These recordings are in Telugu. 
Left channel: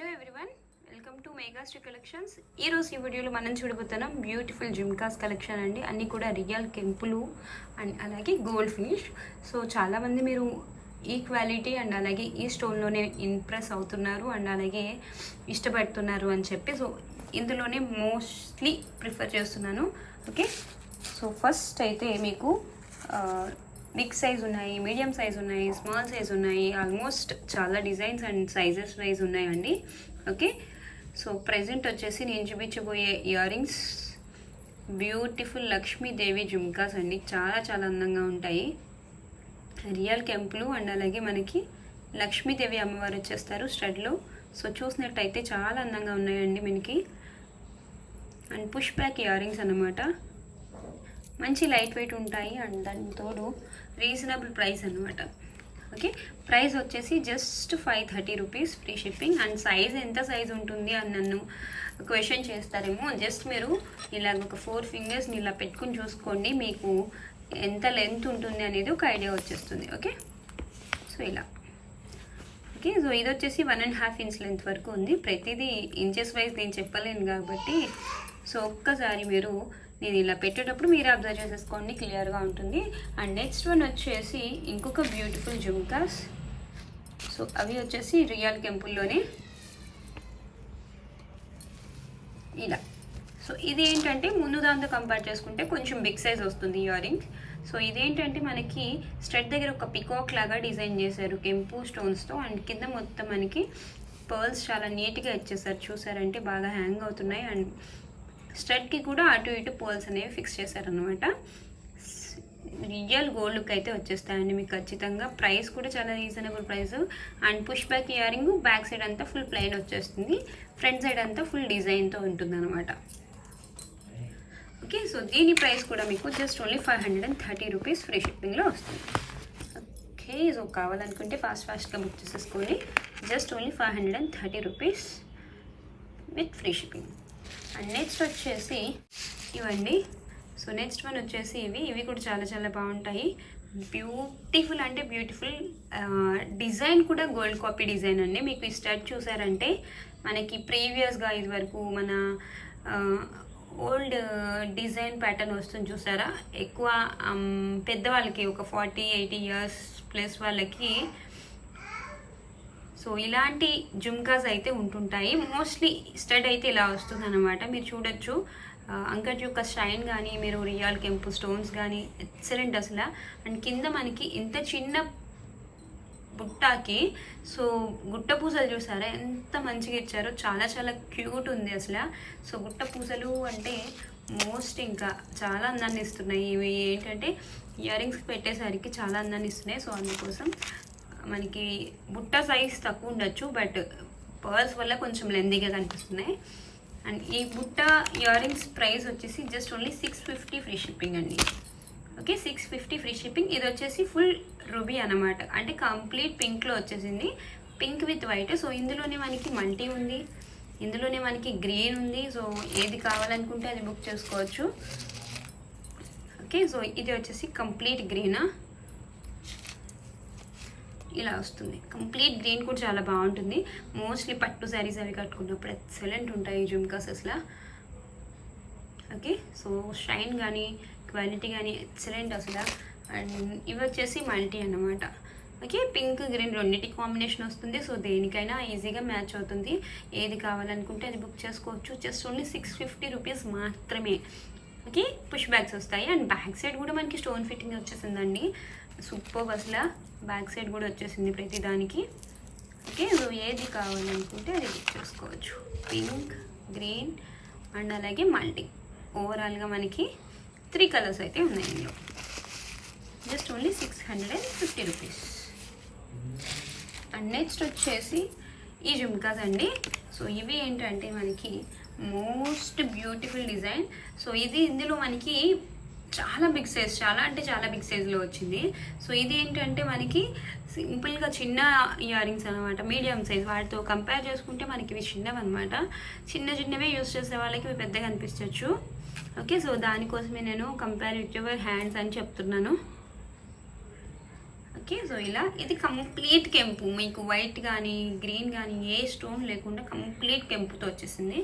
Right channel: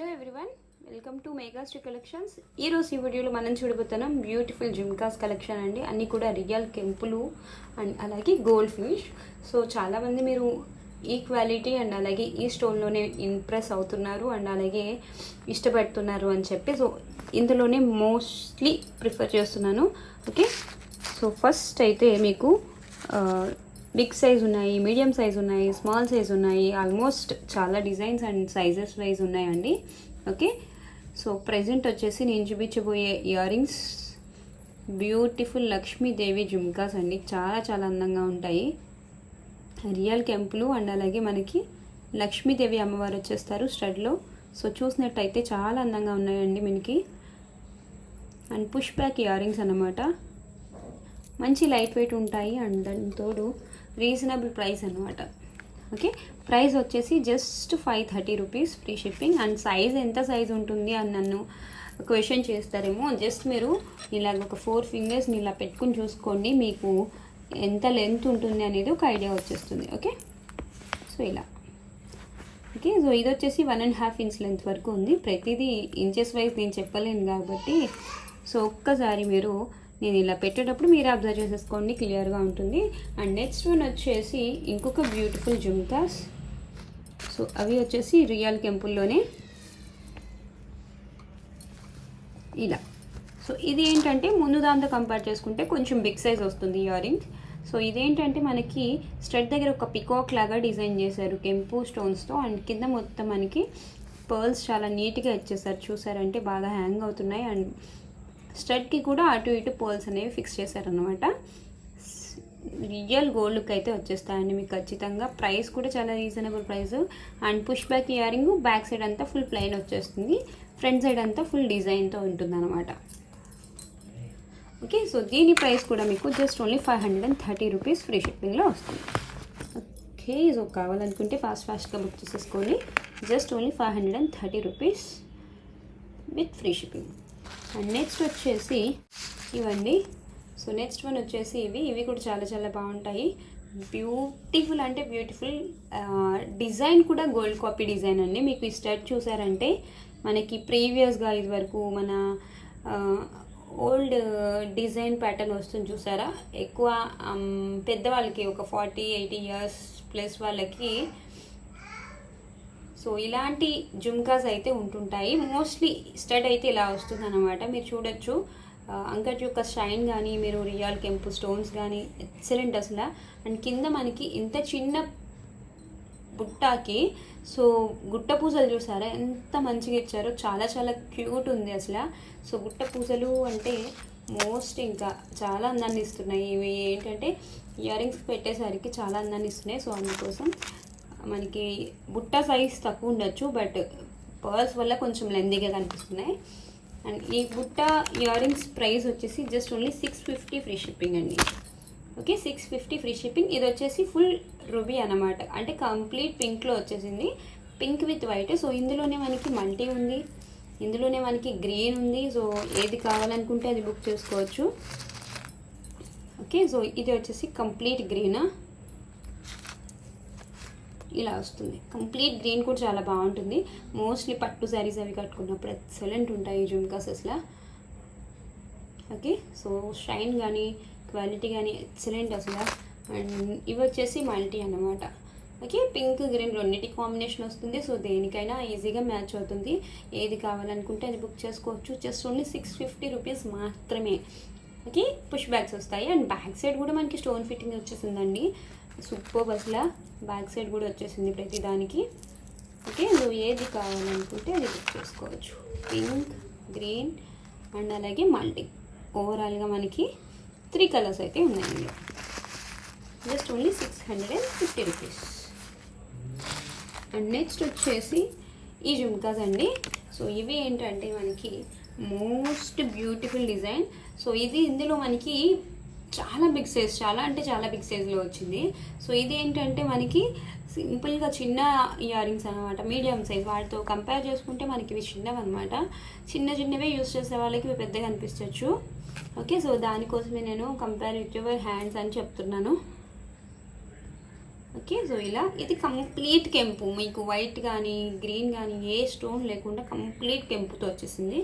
హలో ఎవ్రీవన్, వెల్కమ్ టు మెగాస్ట్రీ కలెక్షన్స్. ఈరోజు ఈ వీడియోలో మనం చూడబోతున్నాం బ్యూటిఫుల్ జుమ్కాస్ కలెక్షన్ అండి. అన్నీ కూడా రియల్ కెంపులు అండ్ అలాగే గోల్డ్ ఫినిష్. సో చాలామంది మీరు ఈ క్వాలిటీ అండ్ అలాగే ఈ స్టోన్లోనే ఇంప్రెస్ అవుతున్నారు అండ్ అలాగే ఇష్టపడుతున్నారు అని చెప్పి సో ఇందులోనే మోస్ట్లీ ప్రిఫర్ చేస్తున్నాను. ఓకే, సో ఫస్ట్ అయితే మీకు బిగ్ సైజ్ ఉన్నాయి, మీడియం సైజ్ ఉన్నాయి, స్మాల్ సైజ్ ఉన్నాయి, ఆల్మోస్ట్ చాలా డిజైన్స్ అండ్ సైజెస్ వైజ్ ఉన్నాయండి. ఓకే, సో ప్రెజెంట్ వచ్చేసి నేను చూపించబోయే earrings beautiful Lakshmi Devi jhumkas అండి. చాలా చాలా అందంగా ఉంటాయి. రియల్ కెంపులు అండ్ అలాగే మనకి లక్ష్మీదేవి అమ్మవారు వచ్చేస్తారు స్టడ్లో. సో చూసినట్టయితే చాలా అందంగా ఉన్నాయండి మనకి. And push back ear rings అన్నమాట. మంచి లైట్ వెయిట్ ఉంటాయి అండ్ దాని తోడు రీజనబుల్ ప్రైస్ అనమాట. ఓకే, ప్రైస్ వచ్చేసి just 530 rupees free shipping. And size ఎంత సైజ్ ఉంటుంది అని నన్ను క్వశ్చన్ చేస్తారేమో. జస్ట్ మీరు ఇలాగ ఒక 4 ఫింగర్స్ని ఇలా పెట్టుకుని చూసుకోండి, మీకు ఎంత లెంత్ ఉంటుంది అనేది ఒక ఐడియా వచ్చేస్తుంది. ఓకే, సో ఇలా. ఓకే, సో ఇది వచ్చేసి 1.5 ఇంచ్ లెంత్ వరకు ఉంది. ప్రతిదీ ఇంచెస్ వైజ్ నేను చెప్పలేను కాబట్టి సో ఒక్కసారి మీరు నేను ఇలా పెట్టేటప్పుడు మీరు అబ్జర్వ్ చేసేసుకోండి, క్లియర్గా ఉంటుంది. అండ్ నెక్స్ట్ వన్ వచ్చేసి ఇంకొక బ్యూటిఫుల్ జుమ్కాస్. సో అవి వచ్చేసి రియల్ కెంపుల్లోనే ఇలా. సో ఇది ఏంటంటే ముందు దాంతో కంపేర్ చేసుకుంటే కొంచెం బిగ్ సైజ్ వస్తుంది ఇయర్ రింగ్. సో ఇదేంటంటే మనకి స్టడ్ దగ్గర ఒక పికాక్ లాగా డిజైన్ చేశారు కెంపు స్టోన్స్తో. అండ్ కింద మొత్తం మనకి పర్ల్స్ చాలా నీట్గా ఇచ్చేసారు. చూసారంటే బాగా హ్యాంగ్ అవుతున్నాయి. అండ్ స్టడ్కి కూడా అటు ఇటు పోల్స్ అనేవి ఫిక్స్ చేశారనమాట. రియల్ గోల్డ్ లుక్ అయితే వచ్చేస్తాయండి మీకు ఖచ్చితంగా. ప్రైస్ కూడా చాలా reasonable price. And push back ear ring back side అంతా ఫుల్ ప్లెయిన్ వచ్చేస్తుంది, ఫ్రంట్ సైడ్ అంతా ఫుల్ డిజైన్తో ఉంటుంది అనమాట. ఓకే, సో దీని ప్రైస్ కూడా మీకు జస్ట్ ఓన్లీ 530 రూపీస్ ఫ్రీ షిప్పింగ్లో వస్తుంది. ఓకే, సో కావాలనుకుంటే ఫాస్ట్గా బుక్ చేసేసుకోండి. Just only 530 rupees with free shipping. And next వచ్చేసి ఇవండి. సో నెక్స్ట్ వన్ వచ్చేసి ఇవి కూడా చాలా చాలా బాగుంటాయి. బ్యూటిఫుల్ అంటే బ్యూటిఫుల్ డిజైన్ కూడా గోల్డ్ కాపీ డిజైన్ అండి. మీకు ఈ స్టడ్ చూసారంటే మనకి ప్రీవియస్గా ఇది వరకు మన ఓల్డ్ డిజైన్ ప్యాటర్న్ వస్తుంది చూసారా. ఎక్కువ పెద్దవాళ్ళకి ఒక 40-80 ఇయర్స్ ప్లస్ వాళ్ళకి సో ఇలాంటి జుమ్కాస్ అయితే ఉంటుంటాయి. మోస్ట్లీ స్టడ్ అయితే ఇలా వస్తుంది అనమాట. మీరు చూడొచ్చు అంకట్ యొక్క షైన్ కానీ మీరు రియల్ కెంపు స్టోన్స్ కానీ ఎక్సలెంట్ అసలు. అండ్ కింద మనకి ఇంత చిన్న బుట్టాకి సో గుట్ట పూసలు చూసారా ఎంత మంచిగా ఇచ్చారో. చాలా చాలా క్యూట్ ఉంది అసలు. సో గుట్ట పూసలు అంటే మోస్ట్ ఇంకా చాలా అందాన్ని ఇస్తున్నాయి. ఇవి ఏంటంటే ఇయర్ రింగ్స్ పెట్టేసరికి చాలా అందాన్ని ఇస్తున్నాయి. సో అందుకోసం మనకి బుట్ట సైజ్ తక్కువ ఉండొచ్చు, బట్ పర్ల్స్ వల్ల కొంచెం లెందీగా కనిపిస్తున్నాయి. అండ్ ఈ బుట్ట ఇయర్ రింగ్స్ ప్రైస్ వచ్చేసి జస్ట్ ఓన్లీ 650 ఫ్రీ షిప్పింగ్ అండి. Okay, 650 free shipping. ఇది వచ్చేసి ఫుల్ రూబీ అనమాట, అంటే కంప్లీట్ పింక్లో వచ్చేసింది, పింక్ విత్ వైట్. సో ఇందులోనే మనకి మల్టీ ఉంది, ఇందులోనే మనకి గ్రీన్ ఉంది. సో ఏది కావాలనుకుంటే అది బుక్ చేసుకోవచ్చు. ఓకే, సో ఇది వచ్చేసి కంప్లీట్ గ్రీన్ ఇలా వస్తుంది. కంప్లీట్ గ్రీన్ కూడా చాలా బాగుంటుంది. మోస్ట్లీ పట్టు శారీస్ అవి కట్టుకున్నప్పుడు ఎక్సలెంట్ ఉంటాయి జుమ్కాస్ అసలు. ఓకే, సో షైన్ కానీ క్వాలిటీ కానీ ఎక్సలెంట్ అసలు. అండ్ ఇవి వచ్చేసి మల్టీ అన్నమాట. ఓకే, పింక్ గ్రీన్ రెండింటి కాంబినేషన్ వస్తుంది. సో దేనికైనా ఈజీగా మ్యాచ్ అవుతుంది. ఏది కావాలనుకుంటే అది బుక్ చేసుకోవచ్చు. జస్ట్ ఓన్లీ 650 రూపీస్ మాత్రమే. ఓకే, పుష్ బ్యాగ్స్ వస్తాయి. అండ్ బ్యాక్ సైడ్ కూడా మనకి స్టోన్ ఫిట్టింగ్ వచ్చేసిందండి. సూపర్ అసలు. బ్యాక్ సైడ్ కూడా వచ్చేసింది ప్రతి దానికి. ఓకే, సో ఏది కావాలనుకుంటే అది బుక్ చేసుకోవచ్చు. పింక్, గ్రీన్ అండ్ అలాగే మల్టీ. ఓవరాల్గా మనకి 3 కలర్స్ అయితే ఉన్నాయి ఇందులో. Just only 650 rupees. And next వచ్చేసి ఈ జుమ్కాస్ అండి. సో ఇవి ఏంటంటే మనకి మోస్ట్ బ్యూటిఫుల్ డిజైన్. సో ఇందులో మనకి చాలా బిగ్ సైజ్, చాలా అంటే చాలా బిగ్ సైజ్లో వచ్చింది. సో ఇది ఏంటంటే మనకి సింపుల్గా చిన్న ఇయర్ రింగ్స్ అనమాట, మీడియం సైజ్. వాటితో కంపేర్ చేసుకుంటే మనకి ఇవి చిన్నవి అనమాట. చిన్నవే యూస్ చేసే వాళ్ళకి ఇవి పెద్దగా అనిపించవచ్చు. ఓకే, సో దానికోసమే నేను కంపేర్ విత్ యువర్ హ్యాండ్స్ అని చెప్తున్నాను. ఓకే, సో ఇలా ఇది కంప్లీట్ కెంపు, మీకు వైట్ కానీ గ్రీన్ కానీ ఏ స్టోన్ లేకుండా కంప్లీట్ కెంపుతో వచ్చేసింది.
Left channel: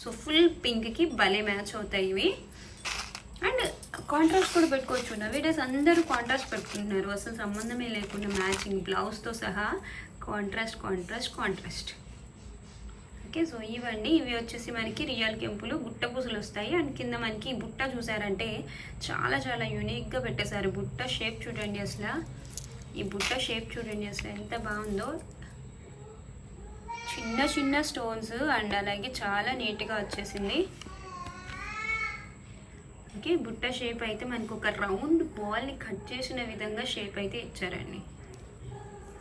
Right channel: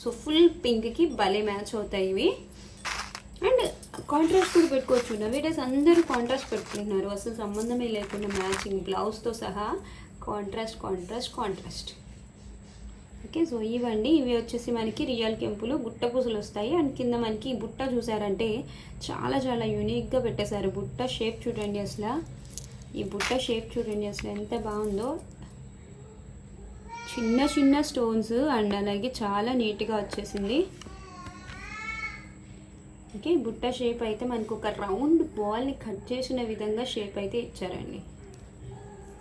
సో ఫుల్ పింక్కి భలే మ్యాచ్ అవుతాయి ఇవి. అండ్ కాంట్రాస్ట్ కూడా పెట్టుకోవచ్చు. నవేడేస్ అందరూ కాంట్రాస్ట్ పెట్టుకుంటున్నారు, అసలు సంబంధమే లేకుండా మ్యాచింగ్ బ్లౌజ్తో సహా contrast contrast contrast. Okay, so ఇవండి, ఇవి వచ్చేసి మనకి రియల్ కెంపులు, గుట్ట పూసలు వస్తాయి. అండ్ కింద మనకి బుట్ట చూసారంటే చాలా చాలా యూనిక్గా పెట్టేశారు. బుట్ట షేప్ చూడండి, అసలు ఈ బుట్ట షేప్ చూడండి అసలు ఎంత బాగుందో. చిన్న చిన్న స్టోన్స్ అండ్ అలాగే చాలా నీట్గా వచ్చేసింది. ఓకే, బుట్ట షేప్ అయితే మనకు ఒక రౌండ్ బాల్ని కట్ చేసిన విధంగా షేప్ అయితే ఇచ్చారండి.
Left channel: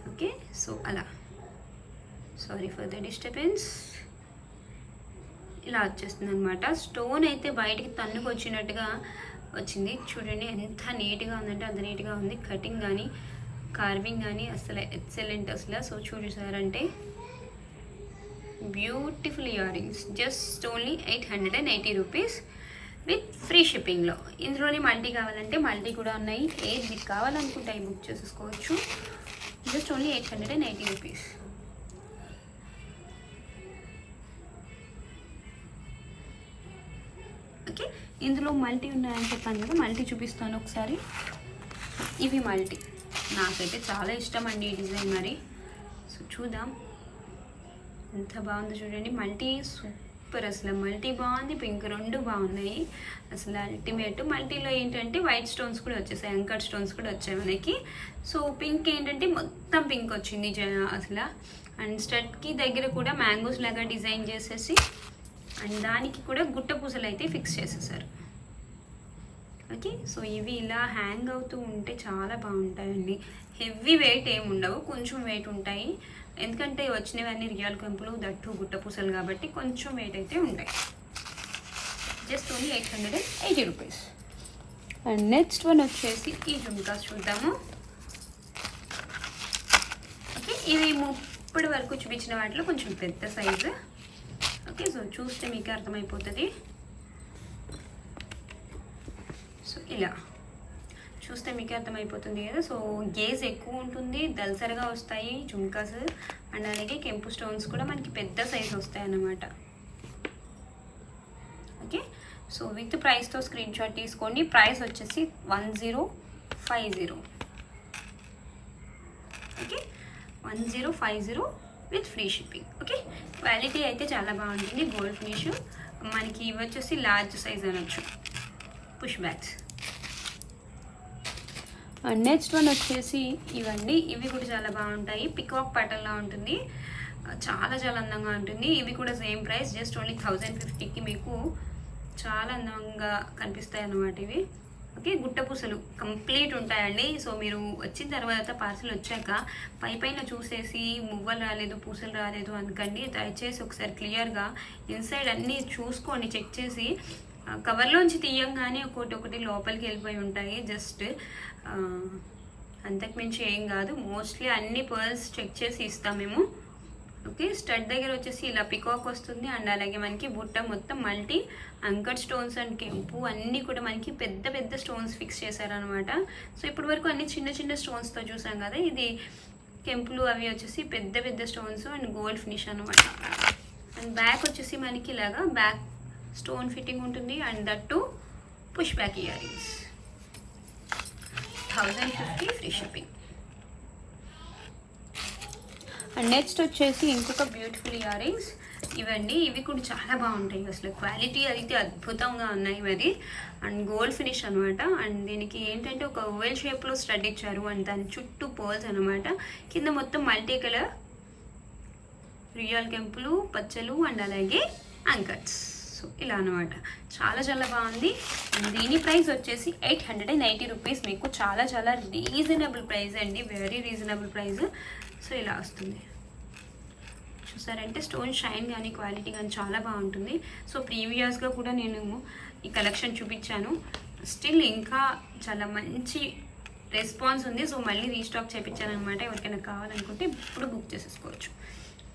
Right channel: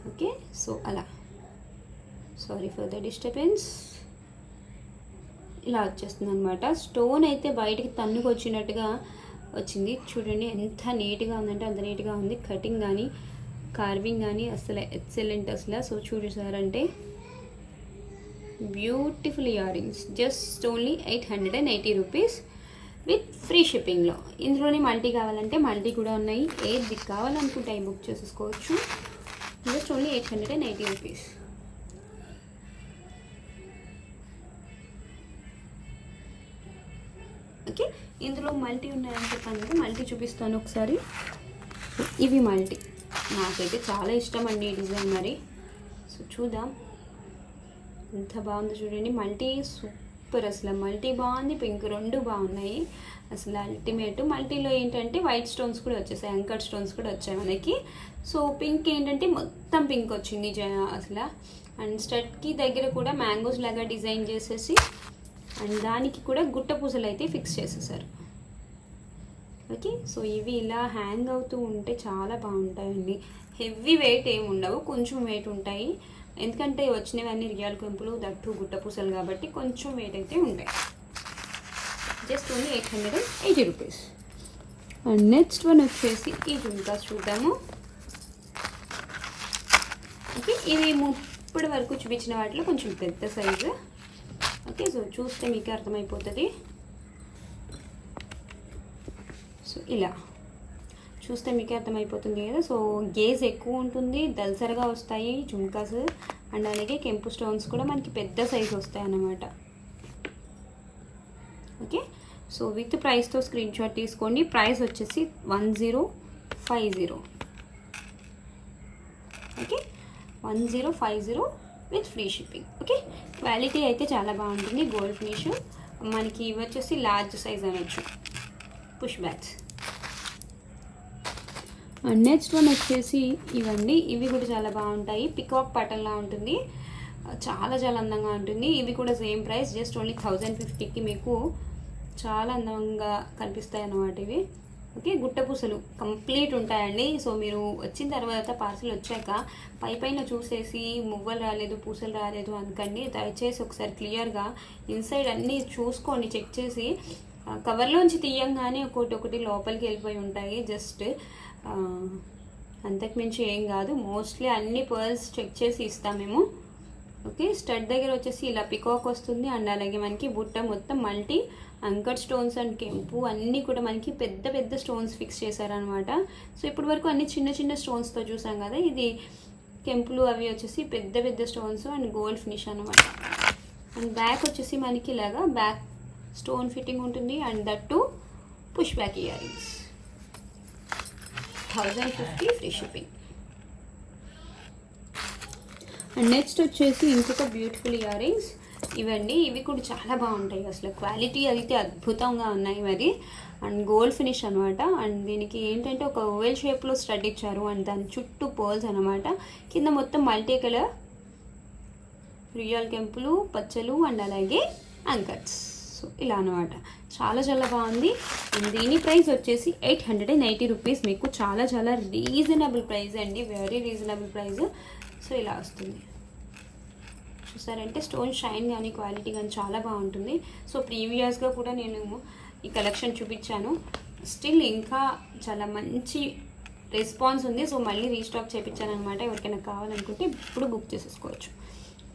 ఓకే, సో అలా, సారీ ఫర్ ద డిస్టర్బెన్స్. ఇలా వచ్చేస్తుంది అనమాట. స్టోన్ అయితే బయటికి తన్నుకు వచ్చినట్టుగా వచ్చింది. చూడండి ఎంత నీట్గా ఉందంటే అంత నీట్గా ఉంది. కటింగ్ కానీ కార్వింగ్ కానీ అసలు ఎక్సలెంట్ అసలు. సో చూసారంటే beautiful earrings, just only 880 rupees with free షిప్పింగ్లో. ఇందులోనే మల్టీ కావాలంటే మల్టీ కూడా ఉన్నాయి. ఏది కావాలనుకుంటే అవి బుక్ చేసేసుకోవచ్చు. Just only 880 rupees. ఓకే, ఇందులో మల్టీ ఉన్నాయని చెప్పాను కదా, మల్టీ చూపిస్తాను ఒకసారి. ఇవి మల్టీ, నాకైతే చాలా ఇష్టం అండి ఈ డిజైన్ మరి. సో చూద్దాం ఎంత బాగుందో చూడండి. మల్టీ సూపర్ అసలు, మల్టీ బాగుంది, పింక్ రెండు బాగున్నాయి అసలు అల్టిమేట్. మల్టీలో ఏంటంటే వైట్ స్టోన్స్ కూడా వచ్చేసాయి, అంకర్ స్టోన్స్ కూడా వచ్చాయి మనకి. సో పింక్ ఏంటంటే మొత్తం పింక్ వచ్చింది అసలు. అండ్ స్టడ్కి దగ్గర కూడా మ్యాంగోస్ లాగా డిజైన్ చేసేసి అండ్ దానికి కూడా గుట్ట పూసలు అయితే ఫిక్స్ చేసేసారు. ఓకే, సో ఇవి ఇలా హ్యాంగ్ అవుతూ ఉంటే చాలా బాగుంటాయండి. హెవీ వెయిట్ ఏమి ఉండవు, కొంచెం వెయిట్ ఉంటాయి. ఎందుకంటే వచ్చినవన్నీ రియల్ కెంపులు, దట్టు గుట్ట పూసలు కాబట్టి కొంచెం వెయిట్ అయితే ఉంటాయి. Just only 880 rupees. And next one వచ్చేసి ఈ జుమ్కాస్ చూద్దాము. ఓకే, ఇవి ఇప్పటి వరకు చూపించిన వాటిలో కొంచెం పెద్ద సైజు. ఓకే, సో చూస్తే మీకు అర్థమైపోతుంది. సో ఇలా చూస్తే మీకు అర్థమైపోతుంది కదా. సో గేజ్ ఎక్కువ ఉంటుంది, దల్సరగా వస్తాయి జుమ్కాస్. అండ్ అలాగే కెంపు స్టోన్స్ కూడా మనకి పెద్ద సైజు వస్తాయి అన్నమాట. ఓకే, సో విత్ ప్రైస్తో స్క్రీన్ షాట్ తీసుకోండి. ప్రైస్ వచ్చేసి 1050. Okay, 1050 with free shipping. Okay, quality అయితే చాలా బాగుంటుంది. గోల్డ్ ఫినిష్ మనకి ఇవి వచ్చేసి లార్జ్ సైజ్ అనొచ్చు, push bags. And next one వచ్చేసి ఇవన్నీ, ఇవి కూడా చాలా బాగుంటాయి. పికాక్ ప్యాటర్న్లా ఉంటుంది, చాలా చాలా అందంగా ఉంటుంది. ఇవి కూడా సేమ్ ప్రైస్, జస్ట్ ఓన్లీ 1050కి మీకు చాలా అందంగా కనిపిస్తాయి అన్నమాట ఇవి. ఓకే, గుట్ట పూసలు కంప్లీట్ ఉంటాయండి. సో మీరు వచ్చిన తర్వాత పార్సల్ వచ్చాక పైన చూసేసి మువ్వలు రాలేదు, పూసలు రాలేదు అనుకండి. దయచేసి ఒకసారి క్లియర్గా ఇన్సైడ్ అన్నీ చూసుకోండి, చెక్ చేసి. కవర్లోంచి తీయంగానే ఒకటి లోపలికి వెళ్ళిపోయి ఉంటాయి. జస్ట్ అంతకుమించి ఏం కాదు. మోస్ట్లీ అన్ని పర్ల్స్ చెక్ చేసి ఇస్తాం మేము. ఓకే, స్టడ్ దగ్గర వచ్చేసి ఇలా పికాక్ వస్తుంది. అండ్ అలాగే మనకి బుట్ట మొత్తం మల్టీ అంకర్ స్టోన్స్ అండ్ కెంపు అన్నీ కూడా మనకి పెద్ద పెద్ద స్టోన్స్ ఫిక్స్ చేశారనమాట. సో ఇప్పటి వరకు అన్ని చిన్న చిన్న స్టోన్స్తో చూసాం కదా, ఇది కెంపులు అవి వచ్చేసి పెద్ద పెద్ద స్టోన్స్ అండ్ గోల్డ్ ఫినిష్ అనమాట. అండ్ బ్యాక్ వచ్చేసి మనకి ఇలాగా బ్యాక్ స్టోన్ ఫిట్టింగ్ ఉంటుంది. And that push back ear rings, 1050 free shipping. And next వచ్చేసి ఇంకొక బ్యూటిఫుల్ ఇయర్ రింగ్స్ ఇవండి. ఇవి కూడా చాలా బాగుంటాయి అసలు, క్వాలిటీ అయితే అద్భుతంగా ఉన్నాయి మరి. అండ్ గోల్డ్ ఫినిష్ అనమాట. అండ్ దీనికి ఏంటంటే ఒక ఓవెల్ షేప్లో స్టడ్ ఇచ్చారు. అండ్ దాని చుట్టూ పర్ల్స్ అనమాట. కింద మొత్తం మల్టీ కలర్ రియల్ కెంపులు, పచ్చలు అండ్ అలాగే అంకర్స్. సో ఇలా అనమాట, చాలా చాలా బాగుంది. అండ్ దీని ప్రైస్ వచ్చేసి 890 రూపీస్. మీకు చాలా చాలా రీజనబుల్ ప్రైస్ అండి, వెరీ రీజనబుల్ ప్రైస్. సో ఇలా వస్తుంది, చూసారంటే స్టోన్ షైన్ కానీ క్వాలిటీ కానీ చాలా బాగుంటుంది. సో ప్రీవియస్గా కూడా నేను ఈ కలెక్షన్ చూపించాను, స్టిల్ ఇంకా చాలా మంచి రెస్పాన్స్ ఉంది. సో మళ్ళీ రీస్టాక్ చేయించాను అనమాట. ఎవరికైనా కావాలనుకుంటే ఇప్పుడు బుక్ చేసేసుకోవచ్చు.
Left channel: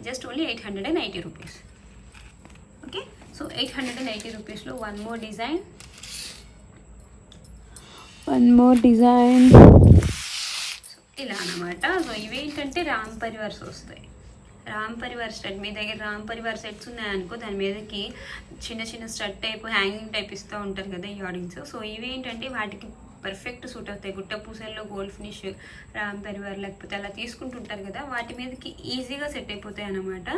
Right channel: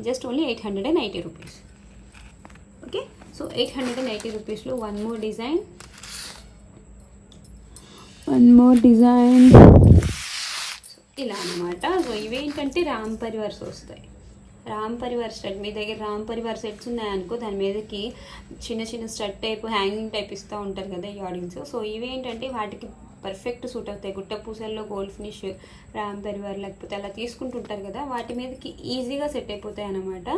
Just only 890 rupees. Okay, so 890 రూపీస్లో వన్ మోర్ డిజైన్. సో ఇలా అనమాట. సో ఇవేంటంటే రామ్ పరివార్స్ వస్తాయి. రామ్ పరివార్ స్టడ్, మీ దగ్గర రామ్ పరివార్ సెట్స్ ఉన్నాయనుకో దాని మీదకి చిన్న చిన్న స్టడ్ టైప్ హ్యాంగింగ్ టైప్ ఇస్తూ ఉంటారు కదా ఇయరింగ్స్. సో ఇవేంటంటే వాటికి పర్ఫెక్ట్ సూట్ అవుతాయి. గుట్ట పూసల్లో గోల్డ్ ఫినిష్ రామ్ పరివార్ లేకపోతే అలా తీసుకుంటుంటారు కదా, వాటి మీదకి ఈజీగా సెట్ అయిపోతాయి అన్నమాట.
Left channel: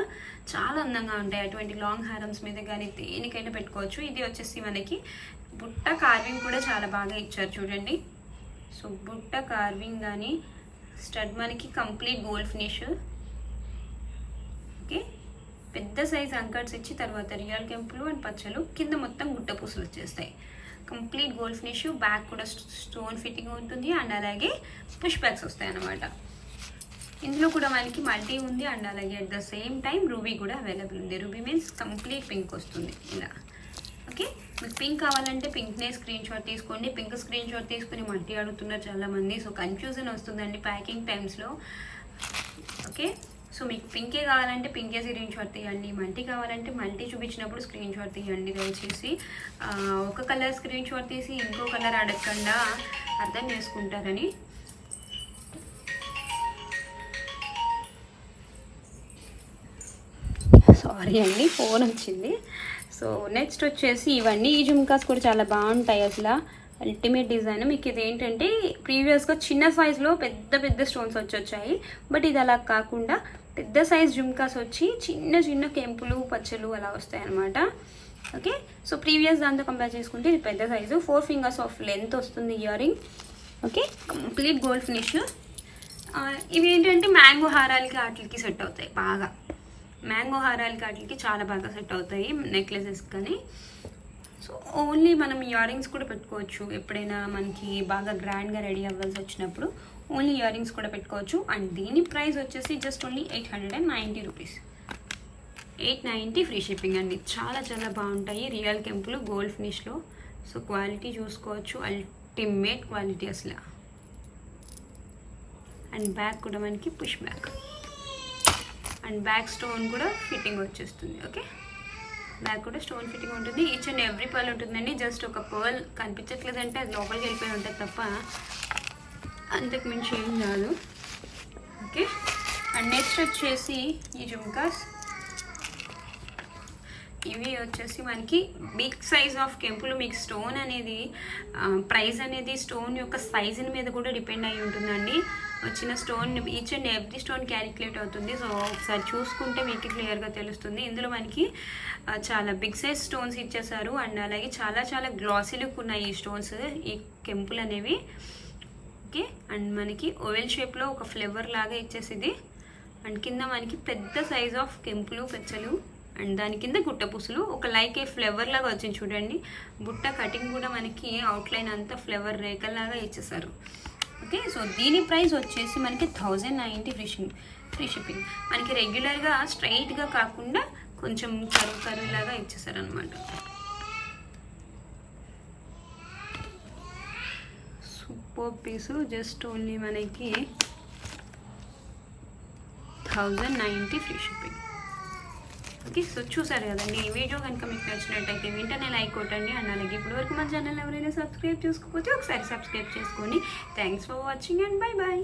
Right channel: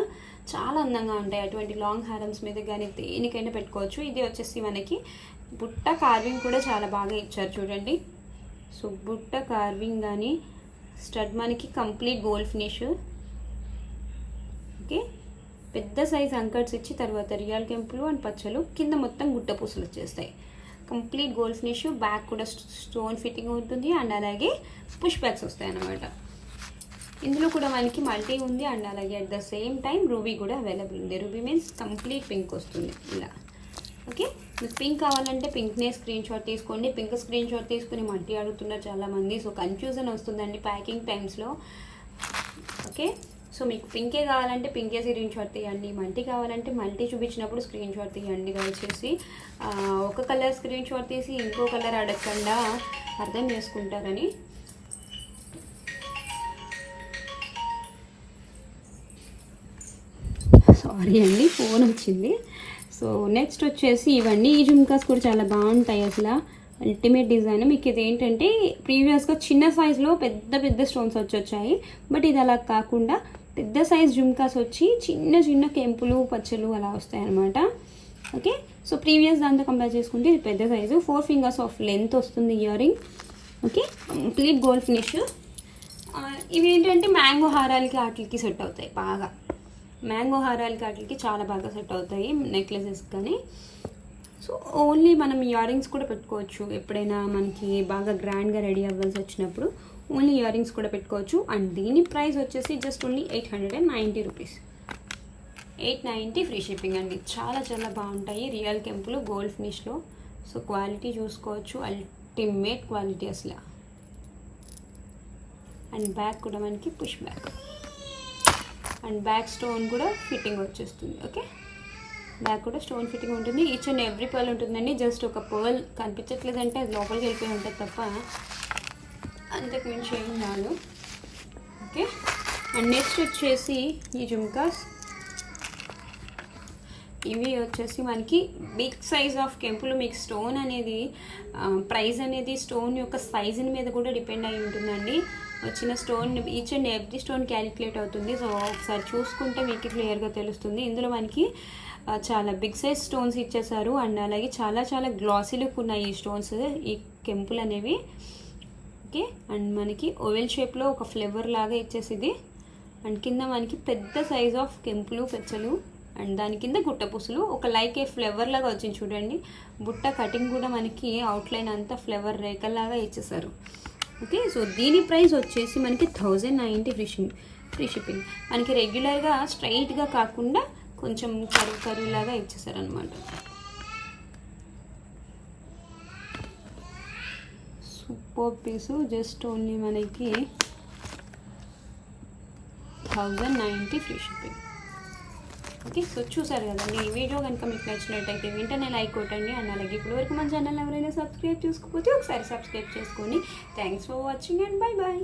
చాలా అందంగా ఉంటాయి. అటువంటి లాంగ్ హారమ్స్ మీద కానీ దేనికైనా పెట్టుకోవచ్చు. ఇది వచ్చేసి మనకి బుట్ట కార్వింగ్ కూడా చాలా బాగా ఇచ్చారు చూడండి. సో బుట్ట కార్వింగ్ కానీ స్టడ్ మనకి కంప్లీట్ గోల్డ్ ఫినిష్. ఓకే, పెద్ద సైజ్ అంకట్స్ ఇచ్చి తర్వాత రియల్ కెంపులు అండ్ పచ్చలు, కింద మొత్తం గుట్ట పూసలు వచ్చేస్తాయి. కంప్లీట్ గోల్డ్ ఫినిష్, బ్యాక్ కూడా స్టోన్ ఫిట్టింగ్ ఉంటుంది అండ్ అలాగే పుష్ బ్యాక్స్ వస్తాయి అన్నమాట. ఇందులో కూడా మనకి మల్టీ ఉంది అండ్ అలాగే at the same time ruby కూడా అవైలబుల్ ఉంది. రూబీ మీన్స్ కంప్లీట్ పింక్ వస్తుంది ఇలా. ఓకే, మీకు పింక్ కావాలంటే పింక్నే స్క్రీన్ షాట్ తీసుకోండి. పింక్ స్క్రీన్ షాట్ తీసుకుని మల్టీ అడుగుతున్నారు చాలామంది. సో కన్ఫ్యూజన్ వస్తుందండి ప్యాకింగ్ టైమ్స్లో. ఓకే, సో మీకు పింకే కావాలంటే పింకే స్క్రీన్ షాట్ తీయండి, మల్టీ కావాలంటే మల్టీ చూపించినప్పుడు స్క్రీన్ షాట్ తీయండి. దయచేసి ఒక కలర్ స్క్రీన్ షాట్ తీసి ఇంకో కలర్ అడగకుండా అర్థం చేసుకుంటారని. సారీ అండి, ఫోన్ వచ్చింది. సో నెక్స్ట్ వచ్చేసి ఇవన్నీ ఈ జుమ్కాస్ కూడా చాలా బాగుంటాయి అసలు. Ultimate design. మీకు ఇది ఏంటంటే ప్రీవియస్గా చిన్న సైజులో పెద్ద పెద్ద స్టోన్స్ వచ్చాయి, బట్ ఇది అలా కాకుండా పెద్ద సైజ్ జుమ్కాస్ వచ్చి చిన్న చిన్న కెంపులు పచ్చలు అలా వస్తాయి అన్నమాట. ఓకే, సో ప్రీవియస్ దాంతో కంపేర్ చేసుకుంటే ఇది పెద్ద సైజు. 4 ఫింగర్స్ ఆఫ్ లెంత్ వస్తుంది earring. Okay, complete gold finish. ఇవి ఏంటంటే మ్యాంగో హారాలకి వాటికి సెట్ అవుతాయి బాగా. మ్యాంగో హారాలకి వాటికి చాలా బాగా సెట్ అవుతాయి నెక్లెసెస్ కానీ. సో ఓన్లీ మనం ఇయరింగ్స్ కూడా పెట్టుకోవచ్చు ఎప్పుడైనా మనకి బాగా గ్రాండ్గా రెడీ అవ్వాల్సి వచ్చినప్పుడు. ఓన్లీ ఇయరింగ్స్ కూడా పెట్టుకోవచ్చు. అండ్ దీని ప్రైస్ వచ్చేసి just only 890 rupees. 890 free shipping అండి. చాలా చాలా బాగుంటాయి రియల్ కెంపులు గోల్డ్ ఫినిష్లో. సో క్వాలిటీ చూసుకోవచ్చు, అల్టిమేట్ క్వాలిటీ అసలు. అండ్ బ్యాక్ కూడా మనకి push back and back stone కూడా ఫిట్టింగ్ వచ్చేస్తుంది. ఓకే, బ్యాక్ కూడా స్టోన్ ఫిట్టింగ్ ఉంటుంది. ఈచ్ అండ్ ఎవ్రీ పర్ల్ ఉంటుందండి. జస్ట్ ఒక పర్ల్ కనిపించట్లేదంటే అది లోపలికి వెళ్ళిపోయి ఉంటుంది తప్ప అంతకు మించి ఏం రాదు. ఓకే, అండ్ నెక్స్ట్ వచ్చేసి ఈ జుమ్కాస్. ఇవి వచ్చేసి మనకి బిగ్ సైజ్ ఆఫ్ కెంపులు. మీకు స్టోన్ అనేది ప్రైస్ అనేది స్టోన్ యొక్క సైజుని మీద కూడా డిపెండ్ అయి ఉంటుందండి. వచ్చిన stone each and every stone calculate అవుతుంది. సో ఒకసారి చూసుకుంటే మీకు క్లియర్గా తెలుస్తుంది. ఇందులో మనకి చాలా బిగ్ సైజ్ స్టోన్స్ ఇచ్చేసారు అండ్ అలాగే చాలా చాలా గ్లాసీ లుక్ ఉన్నాయి ఈ స్టోన్స్, ఈ కెంపులు అనేవి. ఓకే, అండ్ మనకి ఓవెల్ షేప్లో ఒక ఫ్లేవర్ లాగా ఇచ్చేసింది. అండ్ కింద మనకి పెద్ద సైజ్ ఆఫ్ కెంపులు పెచ్చలు అండ్ దాని కింద గుట్ట పూసలు ఒక లైక్ ఏ ఫ్లేవర్ లాగా వచ్చింది చూడండి. బుట్ట కటింగ్ కూడా మనకి అవుట్లైన్ అంతా ఫ్లేవర్ రేఖల్లాగా ఇచ్చేసారు. ఓకే, సో దీని ప్రైస్ వచ్చేసి మనకి 1090 ఫ్రీ షిప్పింగ్. మనకి రెగ్యులర్గా స్ట్రైట్గా కాకుండా కొంచెం కరువు లాగా ఇచ్చేసారనమాట. సూపర్ పీసు. జస్ట్ ఓన్లీ మనకి 1090 ఫ్రీ షిప్పింగ్. ఓకే, సో చూసారు కదండి. ఈ వీడియో కనుక మీకు నచ్చినట్టయితే వెంటనే లైక్ కొట్టండి అండ్ అలాగే ఇప్పటివరకు మన ఛానల్ ఎవరైనా సబ్స్క్రైబ్ చేసుకోకపోతే ఒకసారి సబ్స్క్రైబ్ చేసుకోండి. Thanks for watching and bye bye.